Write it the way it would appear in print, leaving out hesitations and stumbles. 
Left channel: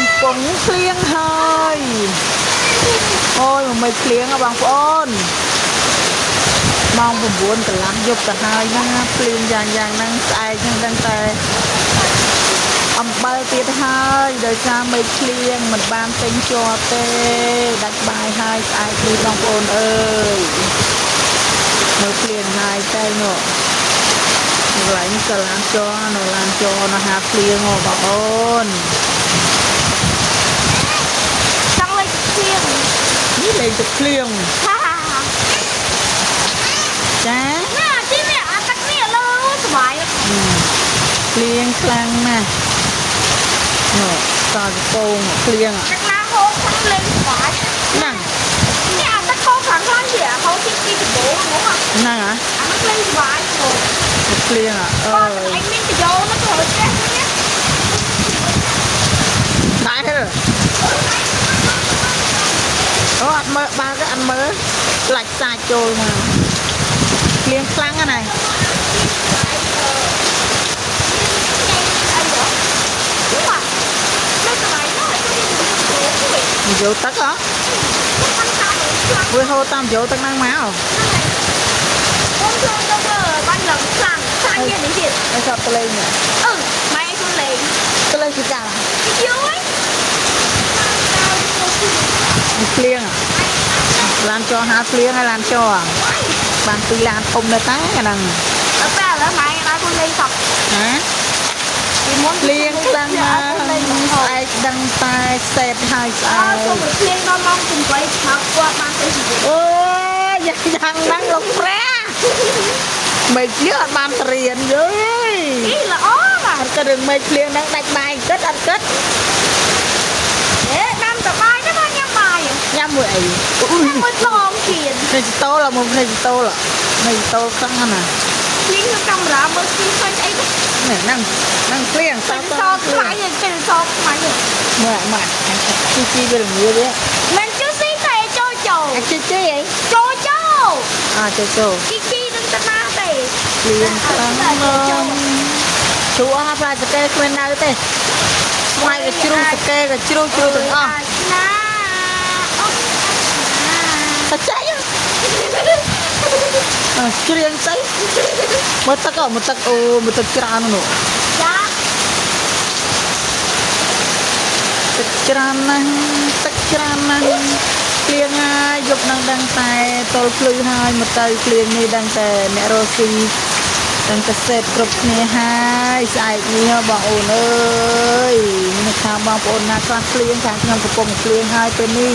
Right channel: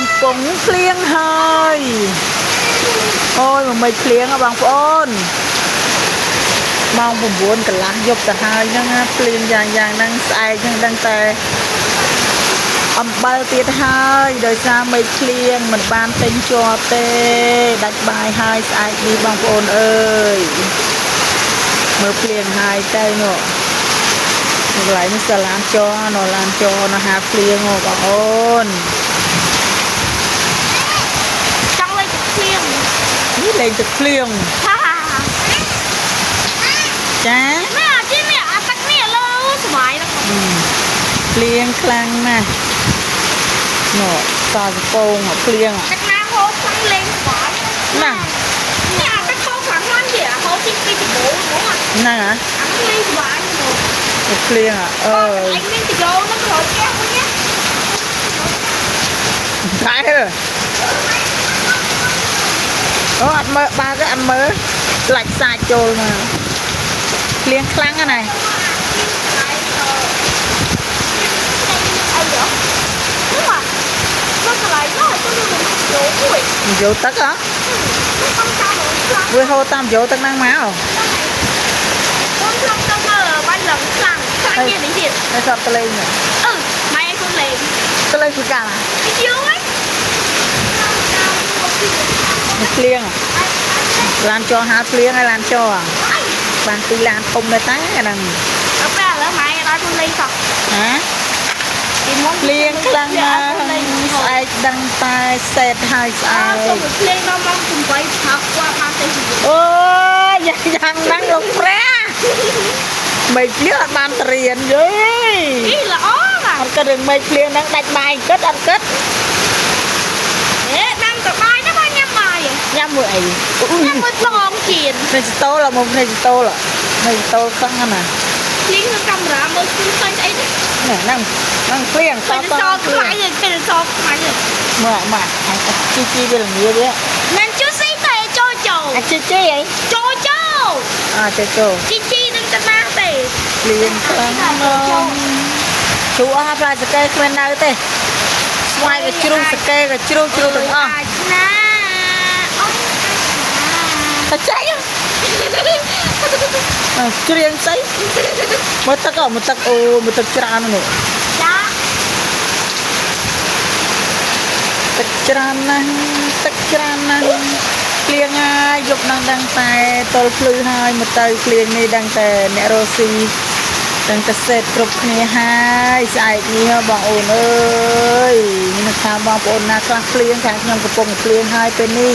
កំពុងភ្លៀងហើយអូយមិនភ្លៀងបងប្អូនម៉ោង9កន្លះយប់ទៅហើយហ្នឹងភ្លៀងយ៉ាងហ្នឹងស្អែកហ្នឹងដឹងតែអំបិលទៀតហើយដោយសារមេឃភ្លៀងមិនបានទិញជាប់ទេដាច់បាយហើយស្អែកនេះបងប្អូនអើយមើលភ្លៀងហើយទៅនោះកន្លែងនេះក៏ឡានចរនៅឡានចរនៅហាភ្លៀងបងប្អូនចង់លេងទឹកភ្លៀងនេះលេងទឹកភ្លៀងចានេះអាជីនេះអាទឹកនេះលើសុបាយភ្លៀងខ្លាំងណាស់នោះតើកំពងភ្លៀងទឹកណាហូបខាងលេងសុបាយហ្នឹងនេះអាទឹកកោខាងខ្លាំងជាហូបទីពីដំបូងហ្មងហ្នឹងហ៎អាហ្នឹងលេងសុបាយហ្មងភ្លៀងអើយអញមានទៅយកនៅក្រោយផ្ទះវិញណាតែអូអត់មើលបើកអត់មើលខ្លាច់សាច់ចូលមកភ្លៀងខ្លាំងណាស់អីហ៎នោះមកនៅកន្លែងនោះទៅយកទឹកហ៎វាហូរតាមយកទឹកហ្នឹងមកអូនខ្ញុំទៅមើលបាញ់ឡើងខ្លាំងនេះនេះទៀតហើយសតលេងម៉ែឯងខ្លួនលេងទៅលេងពីកាលពីយូរហ្នឹងភ្លៀងឡានចរហាភ្លៀងហើយឡានចរបានពីឡានធំនៅតែហ្នឹងពេលឥឡូវម៉ែដល់ខ្លួនលេងសក់ណាពីមុនភ្លៀងខ្លាំងណាស់ស្អែកដឹងតែសេតហើយស្អែកចូលភ្លៀងដល់ម៉ោង8ផឹកគាត់បានទៅជីវិតអូយយ៉ាងហ្នឹងលោកព្រះមេឃភ្លៀងអត់បានត្រៀនយីអីល្អណាស់អត់គិតរឿងមេឃភ្លៀងហ្នឹងដាច់បាយគិតអត់គិតដាំតបាយទៅមកញ៉ាំបាយញ៉ាំមួយអីញ៉ាំមួយឡងជៀននេះតូលមកនេះតូលនេះតូលខ្លាំងណាស់ភ្លៀងក្នុងកាមេរ៉ាមើលឃើញស្អីនេះហ្នឹងភ្លៀងសតខ្លាយពេលសតខ្លាយមកជីវាល្ងាវាមិនជូស៊ីតែចូលអាជីអីចូលជីនឹងតាណាទេភ្លៀងខ្លាំងណាស់ជួអស់ប្រាសកេគ្មាននៅទេស្វាយក៏ជ្រុះសកេក៏ជ្រុះទាំងអស់ណាអូនតែចៃច្រៀងស្អីមើលទឹកអូមើលទឹកច្រើននោះចាទឹកច្រើនណាស់ភ្លៀងហើយយប់នឹងដឹងតែតលភ្លឺហើយមកទៅភ្លៀងនេះដឹងតែអ្នករស់ស៊ីទាំងកសិកម្មគ្រប់គ្នាហើយស្អែកនេះបងអូនអើយមានថាបងប្អូនណាខ្លះភ្លៀងខាងខ្ញុំកំពុងភ្លៀងហើយពេលនេះ